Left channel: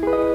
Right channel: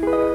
No,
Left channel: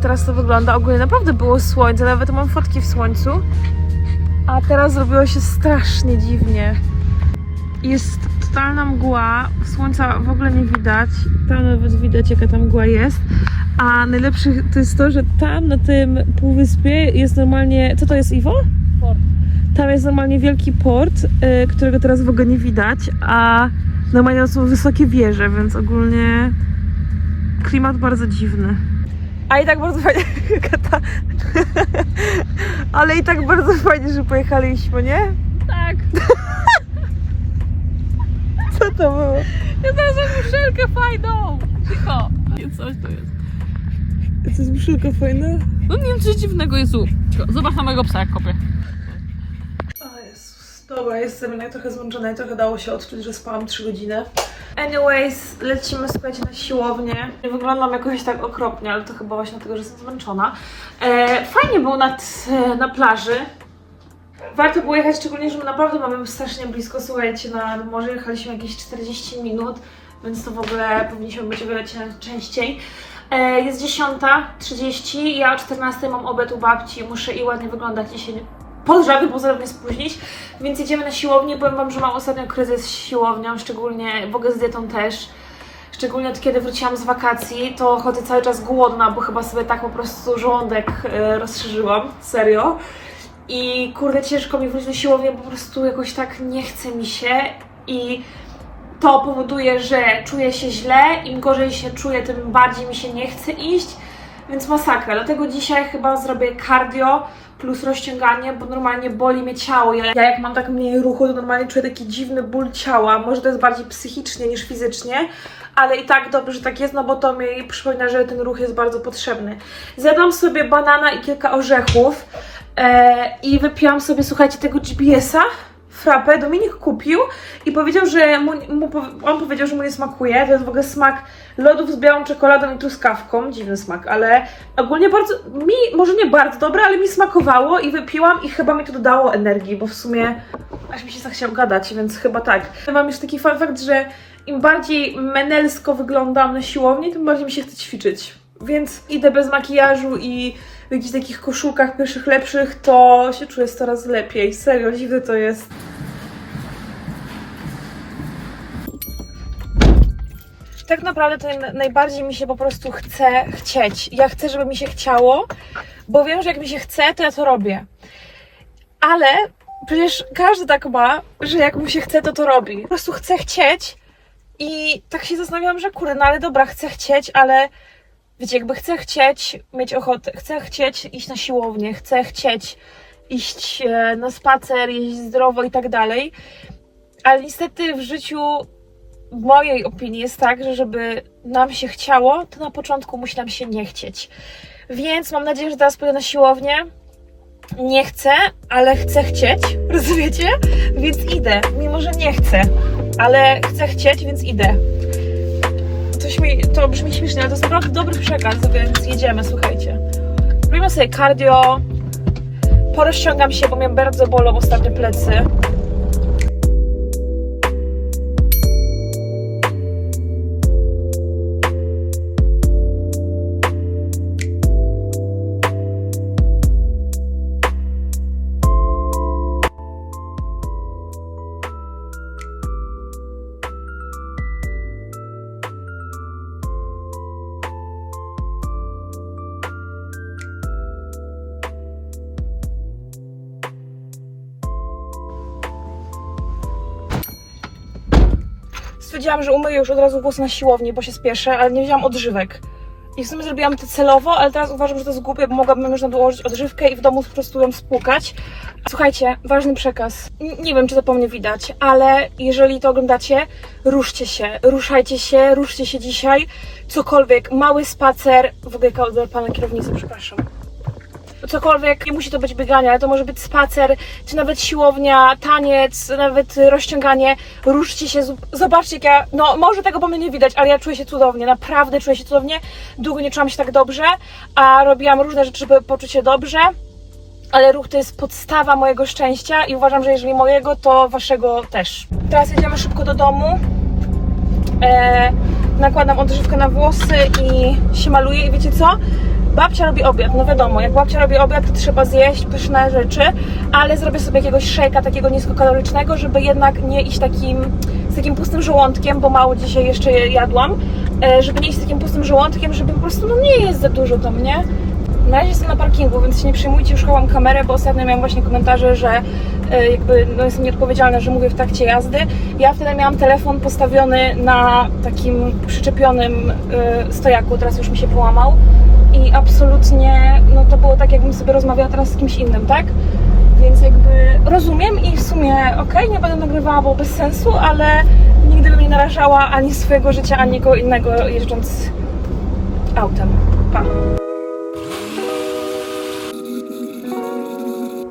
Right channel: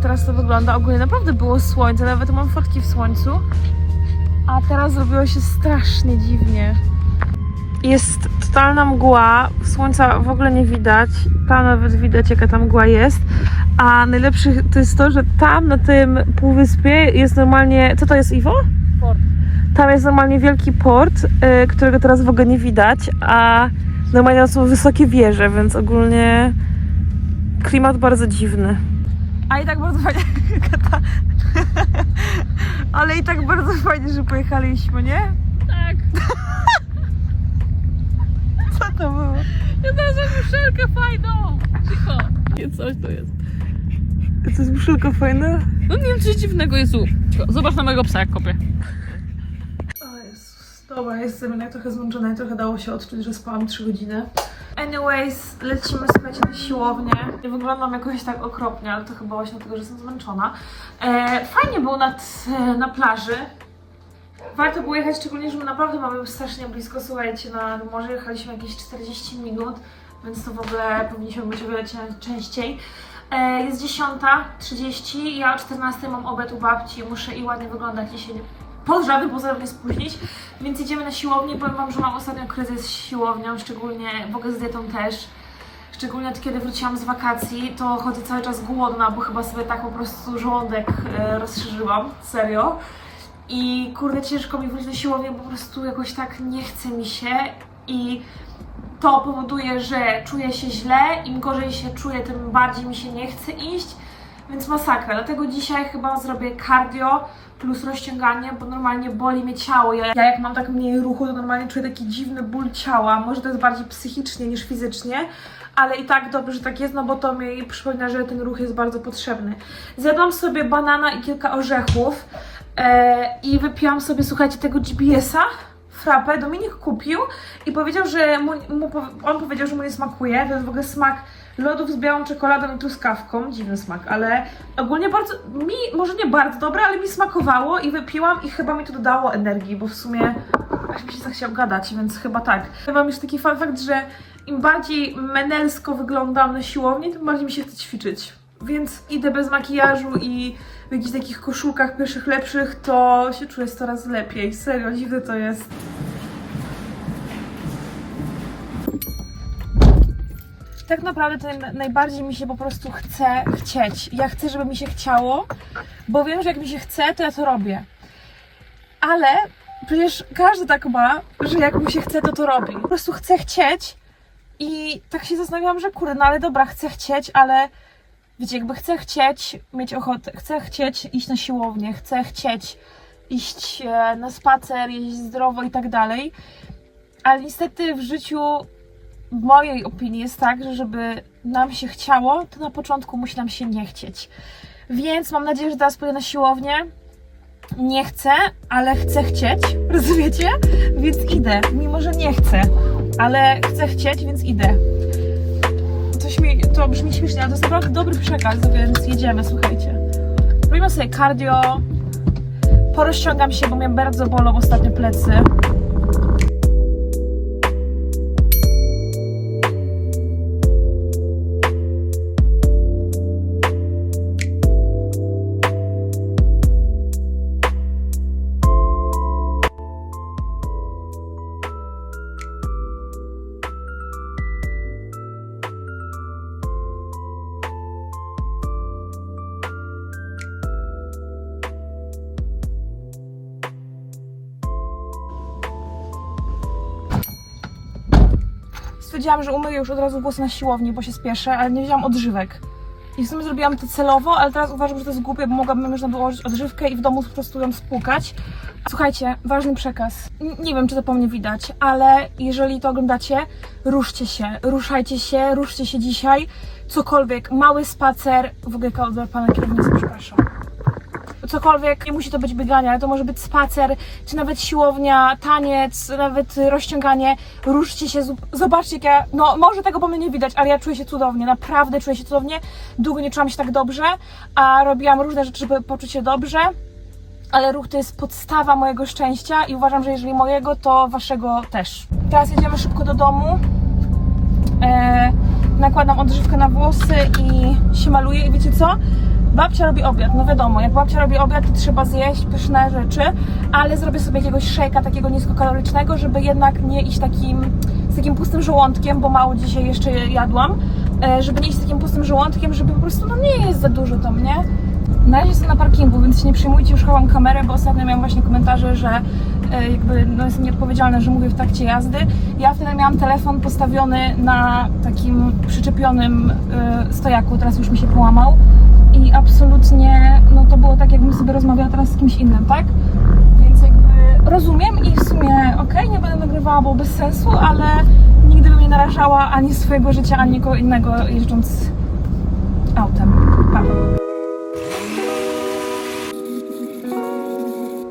teraz to wygląda. Ogólnie naprawdę było słońce, nawet mam fotki w słońcu, a teraz zrobiło się strasznie dziwnie. Jest totalna mgła, słońca w ogóle nie widać, tam nawet widać jaka ta mgła jest, a najlepsze to jest to, że tam na tym półwyspie jest normalnie, co to jest Iwo? Port. Tam jest normalnie wielki port, y, którego teraz w ogóle nie widać, a normalnie są wysokie wieże, więc ogólnie klimat bardzo dziwny. A i tak bardzo fajnie, Kata. Ale i tak bardzo fajnie, że pojechaliśmy, nie? Tak. Co to było? Ja znalazłam muszelkę fajną. Cicho. Nie, coś to jest. To jest muszylka fajna? No nie wiem, coś dziwnego jest Zobacz na mojego psa, jak kopie. Dobra, jestem jednak trochę zmęczona i trochę dało się odczuć, że spałam 3 godziny. Anyways, lecimy słuchajcie na siłownię. Nie wyglądam jakoś tak okropnie, ale to chyba właśnie dlatego, że jestem zmęczona. E, fajnie było nad, e, na plaży. Warto było jechać, szczególnie, że my naprawdę mamy strasznie blisko, słuchajcie, na morze jechaliśmy jakieś 40 minut, więc to w ogóle powinniśmy być o częściej. E, jest 10.30, ja o 14.00 mam obiad u babci, muszę i ładnie wyglądać i się nie pod żadnym pozorem nie spóźnić, więc jedziemy na siłownię. Powiem Wam, że mam ostatnio kryzys z siłownią, szczególnie w ogóle z dietą też. Szczególnie od kiedy wróciłam z wakacji, to chodzę cały czas głodna, bo chyba sobie tak po prostu żołądek e, rozszerzyłam, serio. I kurde, ciężko mi wrócić do siłowni, bo po prostu jakoś tak nie chce mi się i to powoduje, że czuję się źle, im gorzej się czuję, tym bardziej mi się nie chce iść, więc masakra. Dlatego dzisiaj chyba zrobię cardio plus rozciąganie, bo normalnie boli mnie ciało. Ja, ja jak mam tak mniej ruchu, to normalnie czuję taki dziwny ból ciała. Może to jest bardziej psychicznie niż fizycznie, ale i tak dobrze, że tak jest, no bo to mi przypomina, że ten ruch jest bardzo potrzebny. Zjadłam sobie banana i kilka orzechów e, i wypiłam sobie, słuchajcie, tego GPS-a frapę Dominik kupił i powiedział, że mu, mu, on powiedział, że mu nie smakuje. To jest w ogóle smak lodów z białą czekoladą i truskawką. Dziwny smak, ale ogólnie bardzo, mi, może nie bardzo dobre, ale mi smakowało i wypiłam i chyba mi to dodało energii, bo w sumie aż mi się zachciał gadać, więc chyba tak. Mam już taki fun fact, że im bardziej menelsko wyglądam na siłowni, tym bardziej mi się chce ćwiczyć. Więc idę bez makijażu i w jakichś takich koszulkach pierwszych lepszych, to się czuję coraz lepiej. Serio, dziwne to jest. Tak naprawdę to naj- najbardziej mi się po prostu chce chcieć. Ja chcę, żeby mi się chciało, bo wiem, że jak mi się chce, to ja to robię. Ale przecież każdy tak ma, że jak mu się chce, to to robi. Po prostu chcę chcieć i tak się zastanawiałam, że kurde, no ale dobra, chcę chcieć, ale wiecie, jakby chcę chcieć mieć ochotę, chcę chcieć iść na siłownię, chcę chcieć iść e, na spacer, jeść zdrowo i tak dalej, ale niestety w życiu w mojej opinii jest tak, że żeby nam się chciało, to na początku musi nam się nie chcieć. Więc mam nadzieję, że teraz pójdę na siłownię. Nie chcę, ale chcę chcieć, rozumiecie? Więc idę, mimo że nie chcę, ale chcę chcieć, więc idę. Mi, to brzmi śmiesznie, ale to jest naprawdę dobry przekaz, więc jedziemy, słuchajcie. Robimy sobie cardio, porozciągam się, bo mnie bardzo bolą ostatnio plecy. Już od razu włosy na siłowni, bo się spieszę, ale nie wzięłam odżywek. I w sumie zrobiłam to celowo, ale teraz uważam, że to jest głupie, bo mogłabym można dołożyć odżywkę i w domu po prostu ją spłukać. Słuchajcie, ważny przekaz. N- Nie wiem, czy to po mnie widać, ale jeżeli to oglądacie, ruszcie się, ruszajcie się, ruszcie się dzisiaj. Cokolwiek, mały spacer, w ogóle pana kierownicy, przepraszam cokolwiek, nie musi to być bieganie, ale to może być spacer, czy nawet siłownia, taniec, nawet rozciąganie. Ruszcie się, zobaczcie jak ja, no może tego po mnie nie widać, ale ja czuję się cudownie, naprawdę czuję się cudownie. Długo nie czułam się tak dobrze, a robiłam różne rzeczy, żeby poczuć się dobrze. Ale ruch to jest podstawa mojego szczęścia i uważam, że jeżeli mojego, to waszego też. Teraz jedziemy szybko do domu. E, nakładam odżywkę na włosy i się maluję i wiecie co? Babcia robi obiad, no wiadomo, jak babcia robi obiad, to trzeba zjeść pyszne rzeczy, ale zrobię sobie jakiegoś szejka takiego niskokalorycznego, żeby jednak nie iść takim, z takim pustym żołądkiem, bo mało dzisiaj jeszcze jadłam, e, żeby nie iść z takim pustym żołądkiem, żeby po prostu, no nie jest za dużo to mnie. Na razie jestem na parkingu, więc się nie przejmujcie, już chowam kamerę, bo ostatnio miałam właśnie komentarze, że e, jakby no jestem nieodpowiedzialna, że mówię w trakcie jazdy. Ja wtedy miałam telefon postawiony na takim przyczepionym e, stojaku, teraz już mi się połamał i absolutnie, no to było tak, jakbym sobie rozmawiała teraz z kimś innym, tak? Więc jakby rozumiem i w sumie okej, nie będę nagrywała, bo bez sensu, ale nigdy bym nie narażała ani swojego życia, ani nikogo innego jeżdżąc autem. Pa.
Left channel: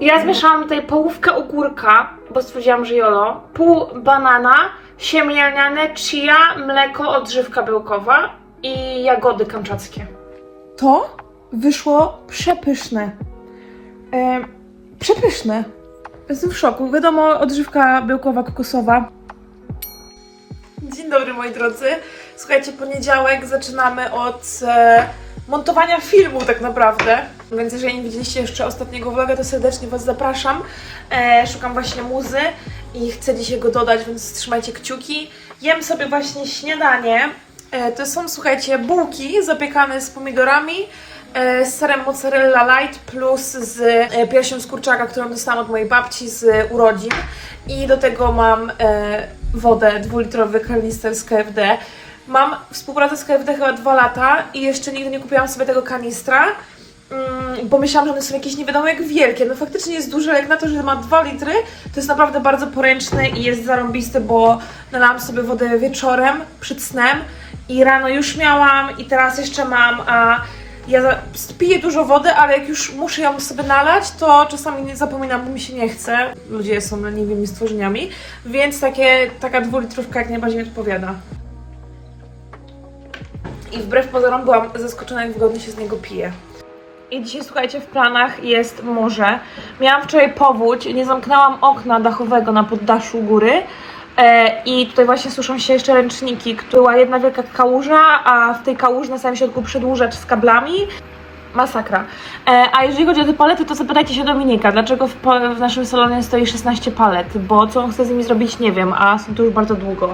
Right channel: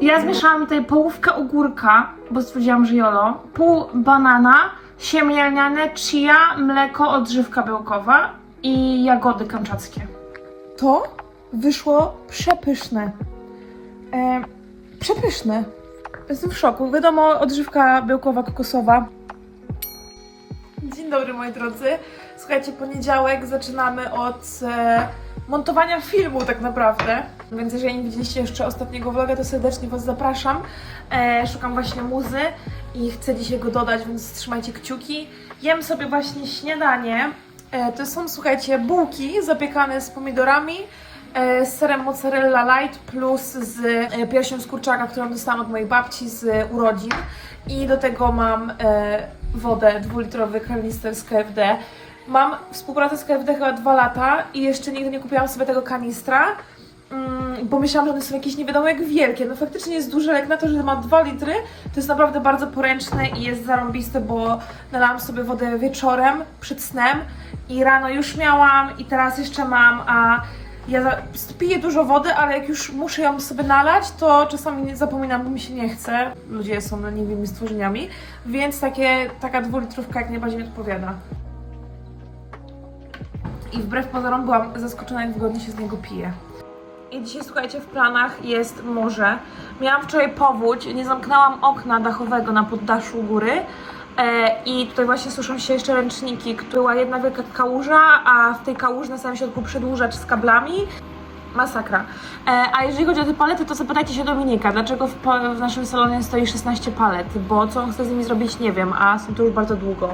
Ja zmieszałam tutaj połówkę ogórka, bo stwierdziłam, że jolo, pół banana, siemię lniane, chia, mleko, odżywka białkowa i jagody kamczackie. To wyszło przepyszne. E, przepyszne. Jestem w szoku. Wiadomo, odżywka białkowa, kokosowa. Dzień dobry moi drodzy. Słuchajcie, poniedziałek zaczynamy od e, montowania filmu tak naprawdę. Więc jeżeli nie widzieliście jeszcze ostatniego vloga, to serdecznie Was zapraszam. E, szukam właśnie muzy i chcę dzisiaj go dodać, więc trzymajcie kciuki. Jem sobie właśnie śniadanie. E, to są, słuchajcie, bułki zapiekane z pomidorami, e, z serem mozzarella light plus z e, piersią z kurczaka, którą dostałam od mojej babci z urodzin. I do tego mam wodę dwulitrowy kanister z KFD. Mam współpracę z KFD chyba dwa lata i jeszcze nigdy nie kupiłam sobie tego kanistra. Mm, bo myślałam, że one są jakieś nie wiadomo jak wielkie. No faktycznie jest duży, jak na to, że ma 2 litry, to jest naprawdę bardzo poręczny i jest zarąbisty, bo nalałam sobie wodę wieczorem przed snem i rano już miałam i teraz jeszcze mam, a ja piję dużo wody, ale jak już muszę ją sobie nalać, to czasami nie zapominam, bo mi się nie chce. Ludzie są leniwymi stworzeniami, więc takie, taka dwulitrówka jak najbardziej odpowiada. I wbrew pozorom byłam zaskoczona, jak wygodnie się z niego pije. I dzisiaj, słuchajcie, w planach jest morze. Miałam wczoraj powódź, nie zamknęłam okna dachowego na poddaszu góry. E, I tutaj właśnie suszą się jeszcze ręczniki. Była jedna wielka kałuża, a w tej kałuży na samym środku przedłużacz z kablami. Masakra. E, a jeżeli chodzi o te palety, to zapytajcie się Dominika, dlaczego w, w naszym salonie stoi 16 palet, bo co on chce z nimi zrobić, nie wiem, a są tu już bardzo długo.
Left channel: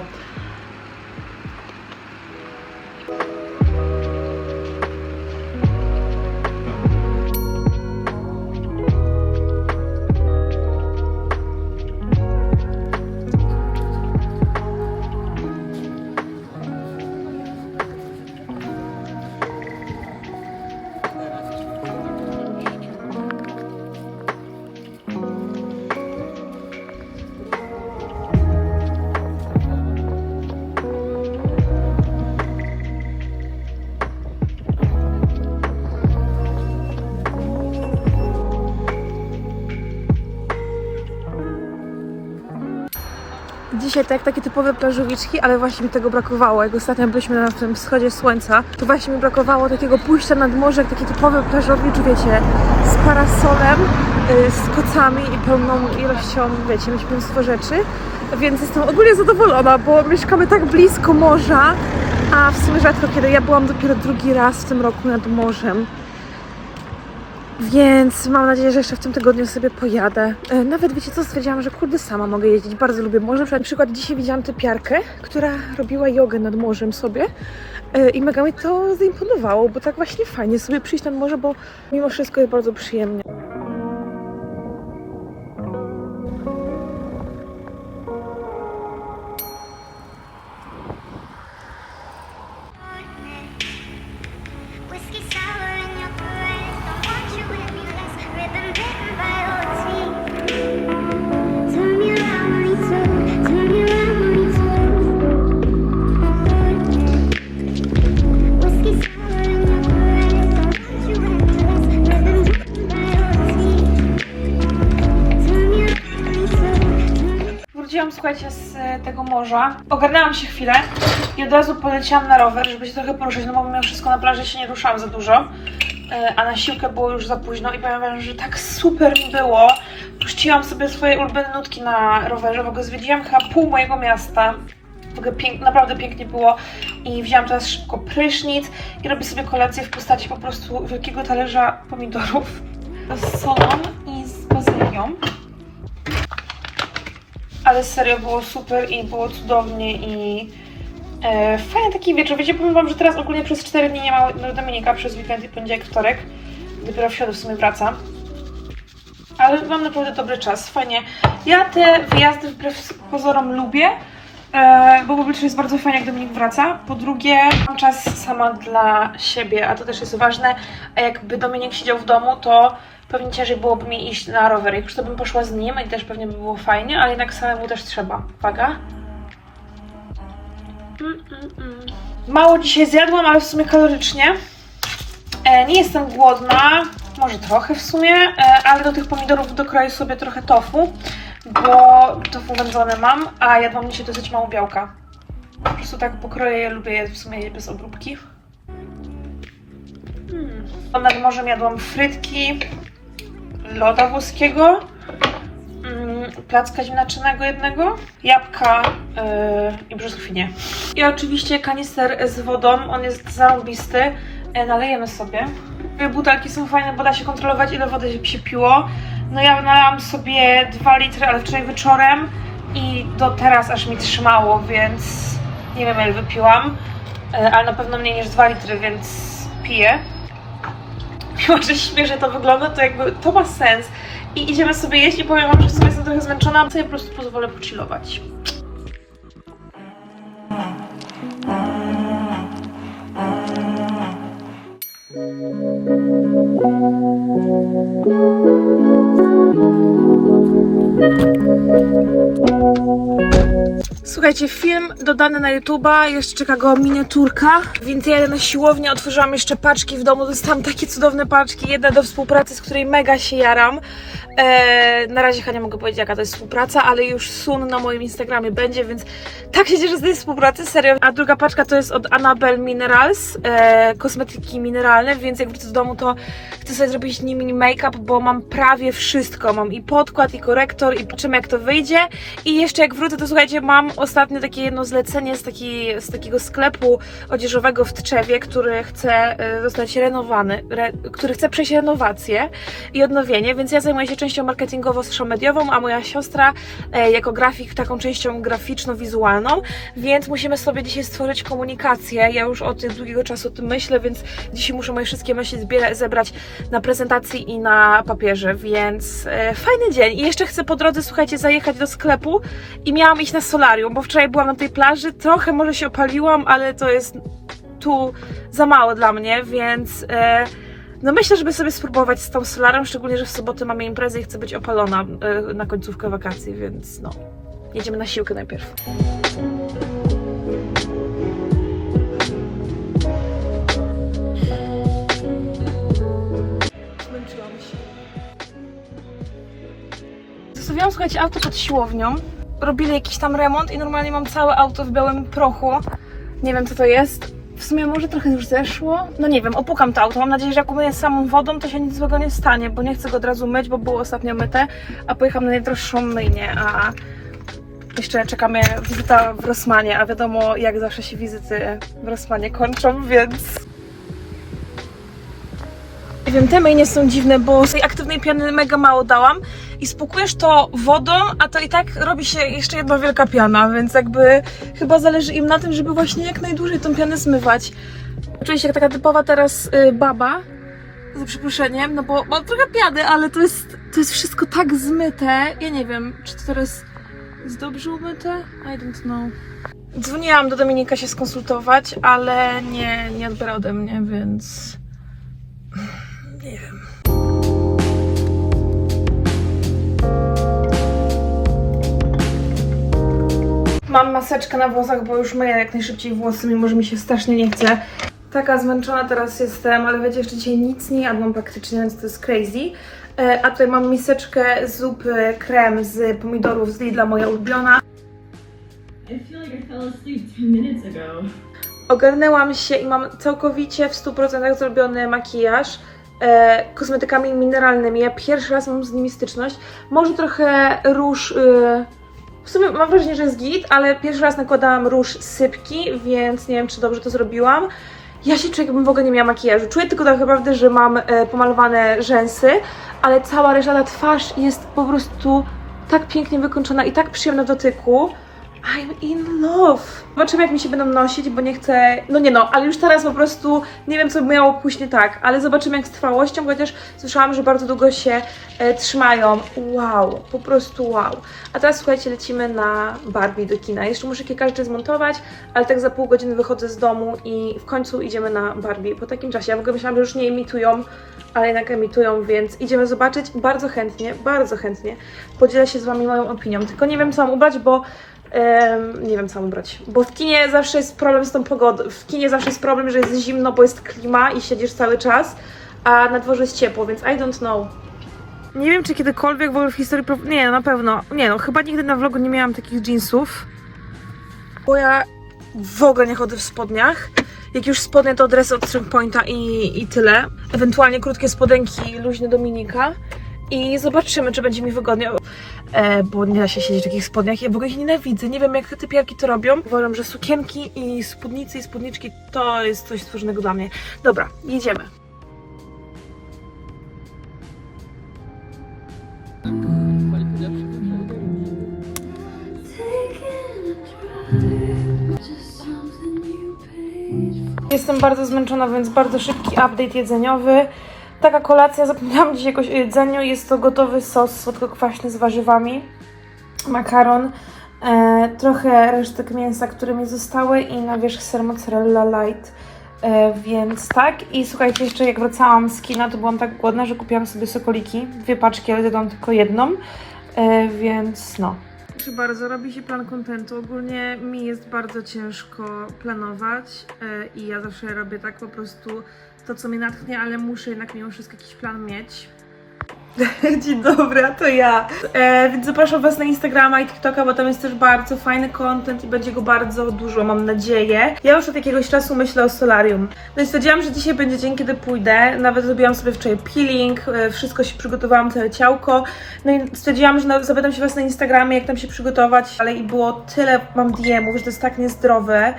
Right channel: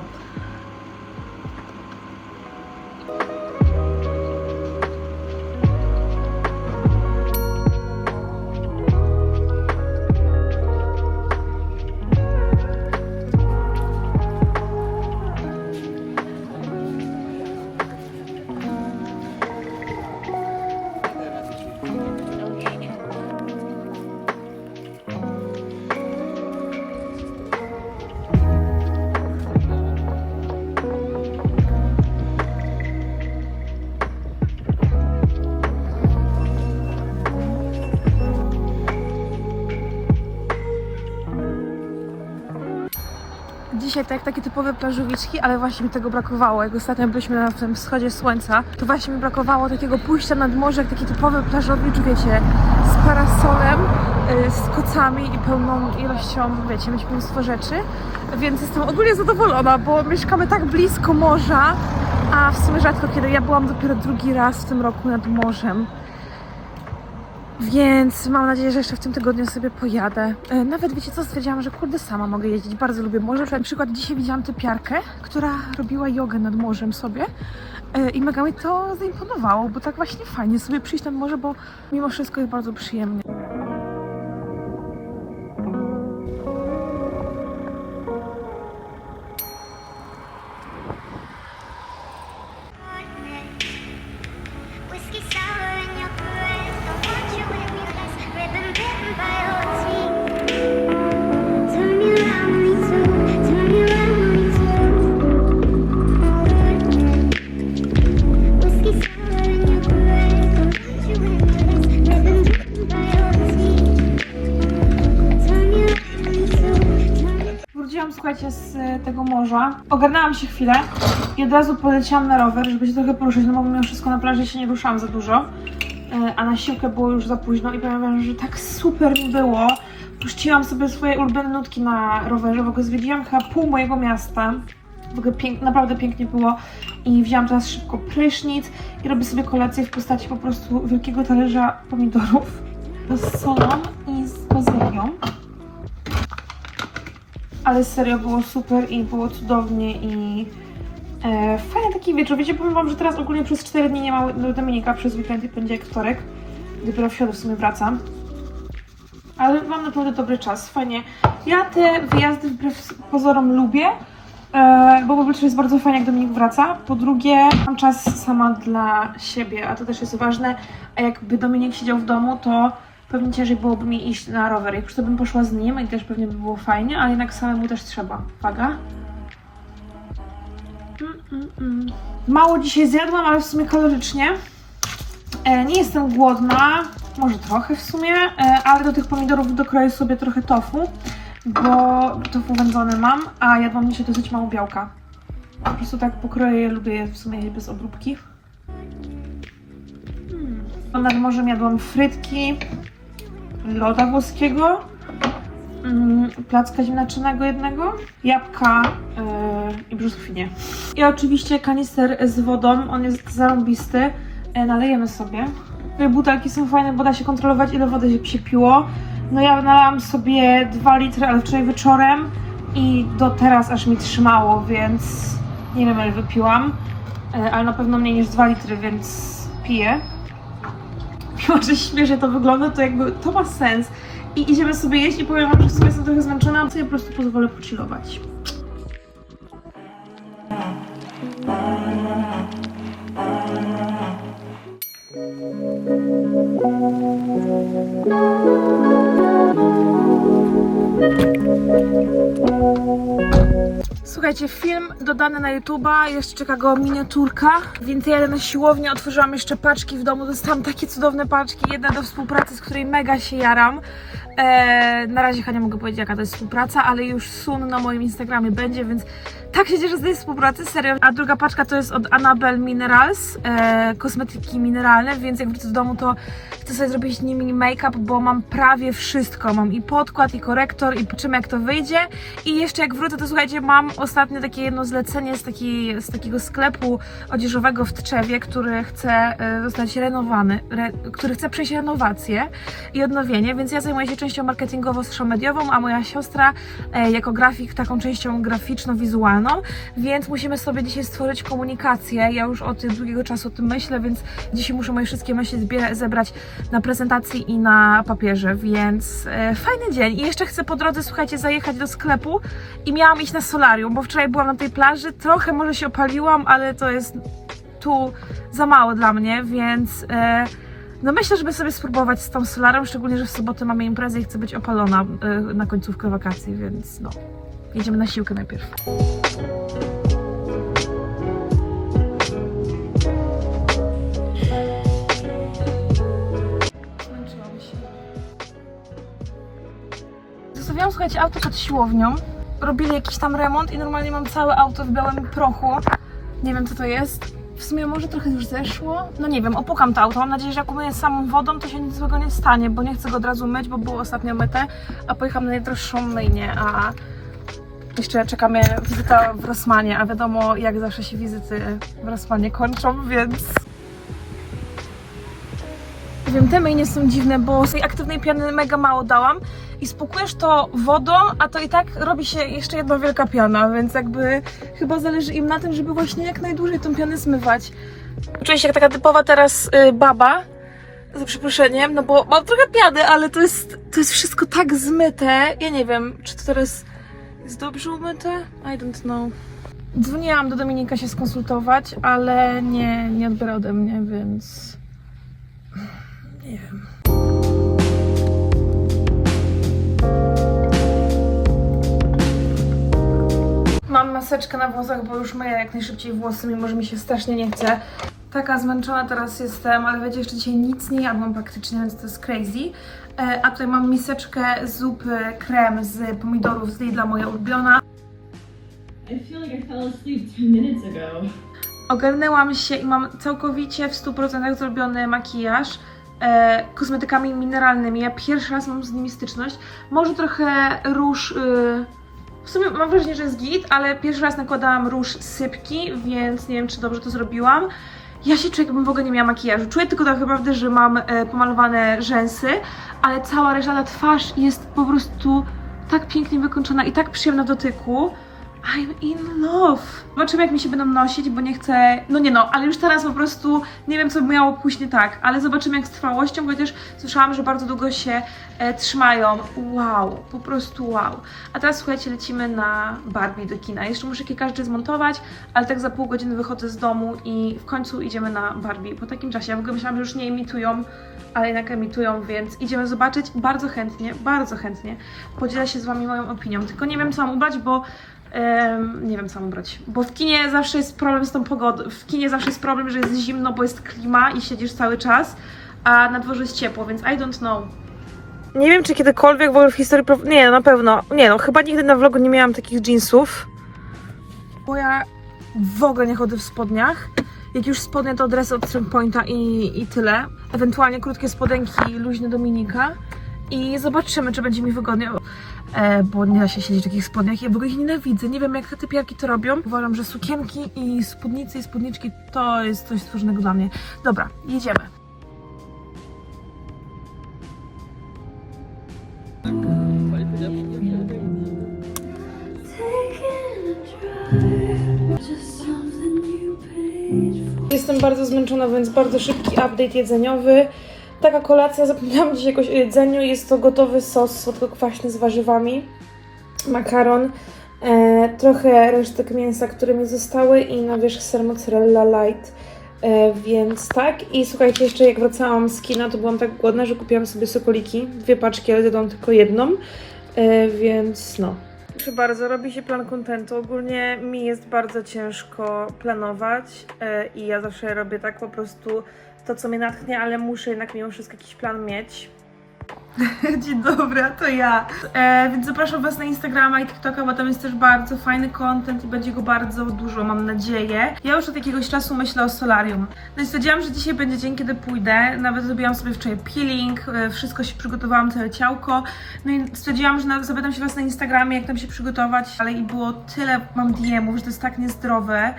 Dzisiaj tak takie typowe plażowiczki, ale właśnie mi tego brakowało. Jak ostatnio byliśmy na tym wschodzie słońca, to właśnie mi brakowało takiego pójścia nad morze, jak taki typowy plażowicz, wiecie, z parasolem, y, z kocami i pełną ilością, wiecie, mnóstwo rzeczy. Więc jestem ogólnie zadowolona, bo mieszkamy tak blisko morza, a w sumie rzadko kiedy ja byłam dopiero drugi raz w tym roku nad morzem. Więc mam nadzieję, że jeszcze w tym tygodniu sobie pojadę. E, Nawet wiecie co, stwierdziłam, że kurde sama mogę jeździć. Bardzo lubię morze. Na przykład dzisiaj widziałam typiarkę, która robiła jogę nad morzem sobie E, i mega mi to zaimponowało, bo tak właśnie fajnie sobie przyjść nad morze, bo mimo wszystko jest bardzo przyjemnie. Plaża. Ogarnęłam się chwilę i od razu poleciałam na rower, żeby się trochę poruszyć, no bo mimo wszystko na plaży się nie ruszałam za dużo. E, A na siłkę było już za późno i powiem wam, że tak super mi było. Puściłam sobie swoje ulubione nutki na rowerze, w ogóle zwiedziłam chyba pół mojego miasta. W ogóle pięk, naprawdę pięknie było i wzięłam teraz szybko prysznic i robię sobie kolację w postaci po prostu wielkiego talerza pomidorów z solą i z bazylią. Ale serio było super i było cudownie i e, fajny taki wieczór. Wiecie, powiem wam, że teraz ogólnie przez 4 dni nie ma Dominika, przez weekend i poniedziałek, wtorek. Dopiero w środę w sumie wracam. Ale mam naprawdę dobry czas, fajnie. Ja te wyjazdy wbrew pozorom lubię, e, bo po pierwsze jest bardzo fajnie, jak Dominik wraca. Po drugie, mam czas sama dla siebie, a to też jest ważne. A jakby Dominik siedział w domu, to pewnie ciężej byłoby mi iść na rower. Jak już to bym poszła z nim i też pewnie by było fajnie, ale jednak samemu też trzeba. Uwaga. Mm, mm, mm. Mało dzisiaj zjadłam, ale w sumie kalorycznie. E, nie jestem głodna, może trochę w sumie, e, ale do tych pomidorów dokroję sobie trochę tofu, bo tofu wędzone mam, a jadłam dzisiaj dosyć mało białka. Po prostu tak pokroję je, lubię je w sumie jeść bez obróbki. Hmm. Nad morzem jadłam frytki, loda włoskiego, mm, placka ziemniaczanego jednego, jabłka yy, i brzoskwinię. I oczywiście kanister z wodą, on jest zarąbisty, yy, nalejemy sobie. Te butelki są fajne, bo da się kontrolować ile wody się piło. No ja nalałam sobie 2 litry, ale wczoraj wieczorem i do teraz aż mi trzymało, więc nie wiem ile wypiłam, ale na pewno mniej niż 2 litry, więc piję mimo że śmiesznie to wygląda, to jakby to ma sens. I idziemy sobie jeść i powiem wam, że w sumie jestem trochę zmęczona, a sobie po prostu pozwolę pochillować. Słuchajcie, film dodany na YouTube'a, jeszcze czeka go miniaturka, więc ja na siłownię, otworzyłam jeszcze paczki w domu, dostałam takie cudowne paczki, jedna do współpracy, z której mega się jaram. Eee, na razie chyba nie mogę powiedzieć jaka to jest współpraca, ale już sun na moim Instagramie będzie, więc tak się cieszę z tej współpracy, serio. A druga paczka to jest od Annabelle Minerals, eee, kosmetyki mineralne, więc jak wrócę do domu to chcę sobie zrobić nimi make-up, bo mam prawie wszystko, mam i podkład, i korektor, i czym jak to wyjdzie. I jeszcze jak wrócę, to słuchajcie, mam ostatnio takie jedno zlecenie z, taki, z takiego sklepu odzieżowego w Tczewie, który chce e, zostać renowany, re, który chce przejść renowację i odnowienie, więc ja zajmuję się częścią marketingowo-mediową, a moja siostra e, jako grafik taką częścią graficzno-wizualną, więc musimy sobie dzisiaj stworzyć komunikację. Ja już od długiego czasu o tym myślę, więc dzisiaj muszę moje wszystkie myśli zebrać na prezentacji i na papierze, więc e, fajny dzień. I jeszcze chcę po drodze, słuchajcie, zajechać do sklepu i miałam iść na solarium, bo wczoraj byłam na tej plaży, trochę może się opaliłam, ale to jest tu za mało dla mnie, więc e, no myślę, żeby sobie spróbować z tą solarią, szczególnie, że w sobotę mamy imprezę i chcę być opalona e, na końcówkę wakacji, więc no, jedziemy na siłkę najpierw. Zmęczyłam się. Zostawiłam, słuchajcie, auto pod siłownią. Robili jakiś tam remont i normalnie mam całe auto w białym prochu. Nie wiem, co to jest. W sumie może trochę już zeszło. No nie wiem, opukam to auto. Mam nadzieję, że jak umyję samą wodą, to się nic złego nie stanie, bo nie chcę go od razu myć, bo było ostatnio myte, a pojechałam na najdroższą myjnię, a jeszcze czekamy wizyta w Rossmanie, a wiadomo, jak zawsze się wizyty w Rossmanie kończą, więc wiem, te myjnie są dziwne, bo z tej aktywnej piany mega mało dałam i spłukujesz to wodą, a to i tak robi się jeszcze jedna wielka piana, więc jakby chyba zależy im na tym, żeby właśnie jak najdłużej tą pianę zmywać. Czuję się jak taka typowa teraz y, baba, za przeproszeniem, no bo mam trochę piany, ale to jest, to jest wszystko tak zmyte. Ja nie wiem, czy to teraz jest dobrze umyte? I don't know. Dzwoniłam do Dominika się skonsultować, ale nie, nie odbiera ode mnie, więc... maseczkę na włosach, bo już myję jak najszybciej włosy, mimo że mi się strasznie nie chce. Taka zmęczona teraz jestem, ale wiecie, jeszcze dzisiaj nic nie jadłam praktycznie, więc to jest crazy. E, A tutaj mam miseczkę zupy krem z pomidorów z Lidla, moja ulubiona. Ogarnęłam się i mam całkowicie w 100% zrobiony makijaż e, kosmetykami mineralnymi. Ja pierwszy raz mam z nimi styczność. Może trochę róż. E, w sumie mam wrażenie, że jest git, ale pierwszy raz nakładałam róż sypki, więc nie wiem, czy dobrze to zrobiłam. Ja się czuję, jakbym w ogóle nie miała makijażu. Czuję tylko tak naprawdę, że mam e, pomalowane rzęsy, ale cała reszta ta twarz jest po prostu tak pięknie wykończona i tak przyjemna w dotyku. I'm in love. Zobaczymy, jak mi się będą nosić, bo nie chcę. No nie no, ale już teraz po prostu nie wiem, co miało pójść nie tak, ale zobaczymy, jak z trwałością, chociaż słyszałam, że bardzo długo się e, trzymają. Wow, po prostu wow. A teraz słuchajcie, lecimy na Barbie do kina. Jeszcze muszę kilka rzeczy zmontować, ale tak za pół godziny wychodzę z domu i w końcu idziemy na Barbie po takim czasie. Ja w ogóle myślałam, że już nie emitują, ale jednak emitują, więc idziemy zobaczyć. Bardzo chętnie, bardzo chętnie podzielę się z Wami moją opinią. Tylko nie wiem, co mam ubrać, bo Em, nie wiem, co mam ubrać. Bo w kinie zawsze jest problem z tą pogodą. W kinie zawsze jest problem, że jest zimno, bo jest klima i siedzisz cały czas, a na dworze jest ciepło, więc I don't know. Nie wiem, czy kiedykolwiek w ogóle w historii. pro- Nie, na pewno. Nie, no, chyba nigdy na vlogu nie miałam takich jeansów. Bo ja w ogóle nie chodzę w spodniach. Jak już spodnie, to dresy od Strong Pointa i, i tyle. Ewentualnie krótkie spodenki, luźne Dominika. I zobaczymy, czy będzie mi wygodnie, e, bo nie da się siedzieć w takich spodniach. Ja w ogóle ich nienawidzę. Nie wiem, jak te typiarki to robią. Uważam, że sukienki i spódnice i spódniczki to jest coś stworzonego dla mnie. Dobra, jedziemy. Jestem bardzo zmęczona, więc bardzo szybki update jedzeniowy. Taka kolacja, zapomniałam dzisiaj jakoś o jedzeniu. Jest to gotowy sos słodko-kwaśny z warzywami, makaron, e, trochę resztek mięsa, które mi zostały i na wierzch ser mozzarella light. E, więc tak. I słuchajcie, jeszcze jak wracałam z kina, to byłam tak głodna, że kupiłam sobie sokoliki. Dwie paczki, ale dodam tylko jedną. E, więc no. Proszę bardzo, robi się plan kontentu. Ogólnie mi jest bardzo ciężko planować e, i ja zawsze robię tak po prostu to, co mnie natchnie, ale muszę jednak mimo wszystko jakiś plan mieć. Dzień dobry, a to ja. E, więc zapraszam Was na Instagrama i TikToka, bo tam jest też bardzo fajny content i będzie go bardzo dużo, mam nadzieję. Ja już od jakiegoś czasu myślę o solarium. No i stwierdziłam, że dzisiaj będzie dzień, kiedy pójdę. Nawet zrobiłam sobie wczoraj peeling, e, wszystko się przygotowałam, całe ciałko. No i stwierdziłam, że na, zapytam się Was na Instagramie, jak tam się przygotować, ale i było tyle, mam DM-ów, że to jest tak niezdrowe.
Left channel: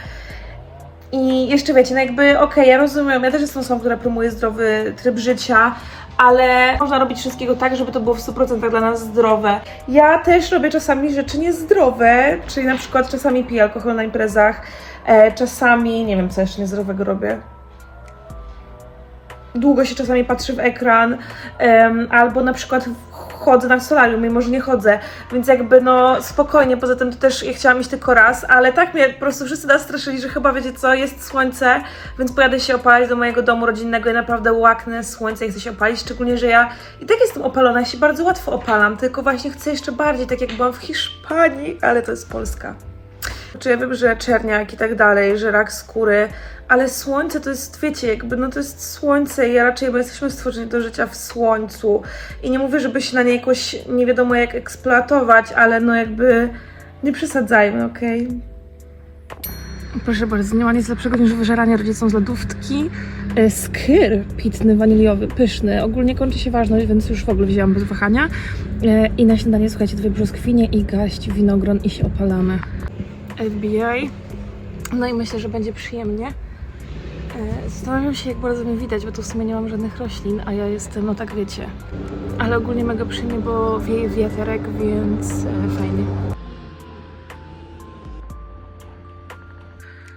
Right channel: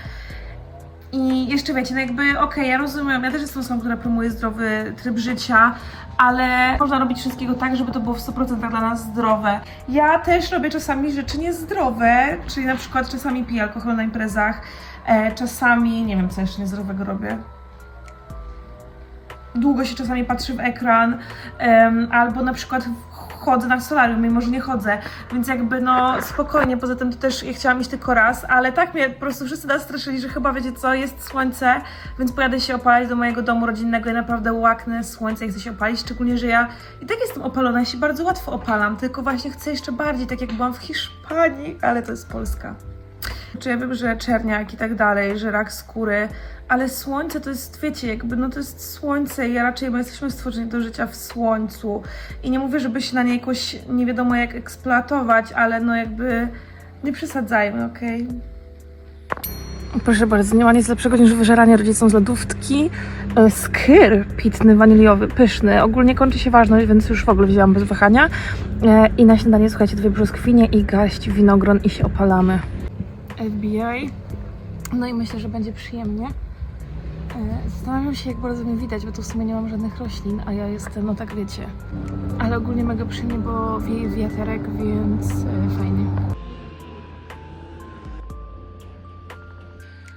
I jeszcze wiecie, no jakby okej, ja rozumiem, ja też jestem osobą, która promuje zdrowy tryb życia, ale można robić wszystkiego tak, żeby to było w 100% dla nas zdrowe. Ja też robię czasami rzeczy niezdrowe, czyli na przykład czasami piję alkohol na imprezach, e, czasami, nie wiem co jeszcze niezdrowego robię. Długo się czasami patrzy w ekran, em, albo na przykład chodzę na solarium, mimo że nie chodzę, więc jakby no spokojnie, poza tym to też ja chciałam iść tylko raz, ale tak mnie po prostu wszyscy nas straszyli, że chyba wiecie co, jest słońce, więc pojadę się opalić do mojego domu rodzinnego i naprawdę łaknę słońce i chcę się opalić, szczególnie, że ja i tak jestem opalona, ja się bardzo łatwo opalam, tylko właśnie chcę jeszcze bardziej, tak jak byłam w Hiszpanii, ale to jest Polska. Czy ja wiem, że czerniak i tak dalej, że rak skóry, ale słońce to jest, wiecie, jakby no to jest słońce i ja raczej, bo jesteśmy stworzeni do życia w słońcu i nie mówię, żeby się na nie jakoś nie wiadomo jak eksploatować, ale no jakby nie przesadzajmy, okej? Proszę bardzo, nie ma nic lepszego niż wyżeranie rodzicom z lodówki. E, Skyr pitny, waniliowy, pyszny. Ogólnie kończy się ważność, więc już w ogóle wzięłam bez wahania. E, I na śniadanie, słuchajcie, dwie brzoskwinie i garść winogron i się opalamy. FBI. No i myślę, że będzie przyjemnie. E, Zastanawiam się, jak bardzo mnie widać, bo tu w sumie nie mam żadnych roślin, a ja jestem, no tak wiecie. Ale ogólnie mega przyjemnie, bo wieje wiaterek, więc e, fajnie.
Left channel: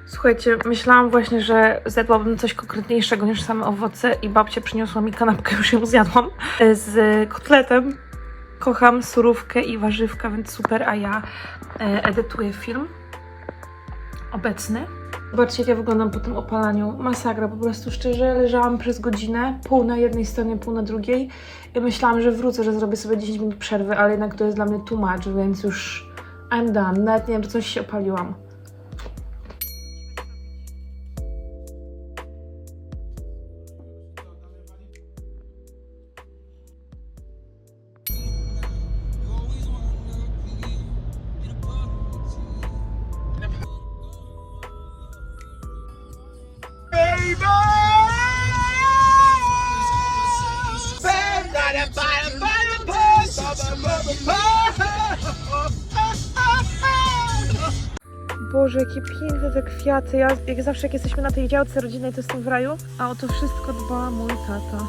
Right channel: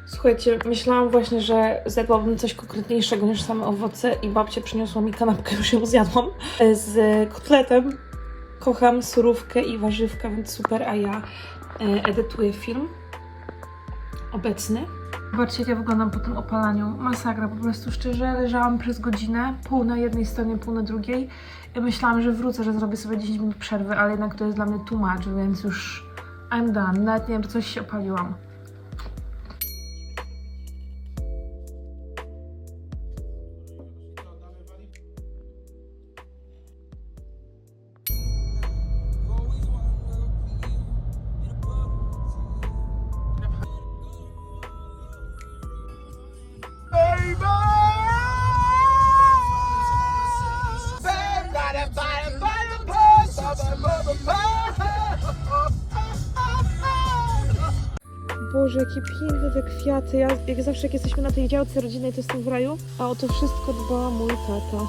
Słuchajcie, myślałam właśnie, że zjadłabym coś konkretniejszego niż same owoce i babcia przyniosła mi kanapkę, już ją zjadłam, e, z kotletem. Kocham surówkę i warzywka, więc super, a ja edytuję film obecny. Zobaczcie, jak ja wyglądam po tym opalaniu. Masakra, po prostu szczerze leżałam przez godzinę, pół na jednej stronie, pół na drugiej. I myślałam, że wrócę, że zrobię sobie 10 minut przerwy, ale jednak to jest dla mnie too much, więc już I'm done. Nawet nie wiem, czy coś się opaliłam. Boże, jakie piękne te kwiaty. Ja jak zawsze jak jesteśmy na tej działce rodzinnej, to jestem w raju, a o to wszystko dba mój tata.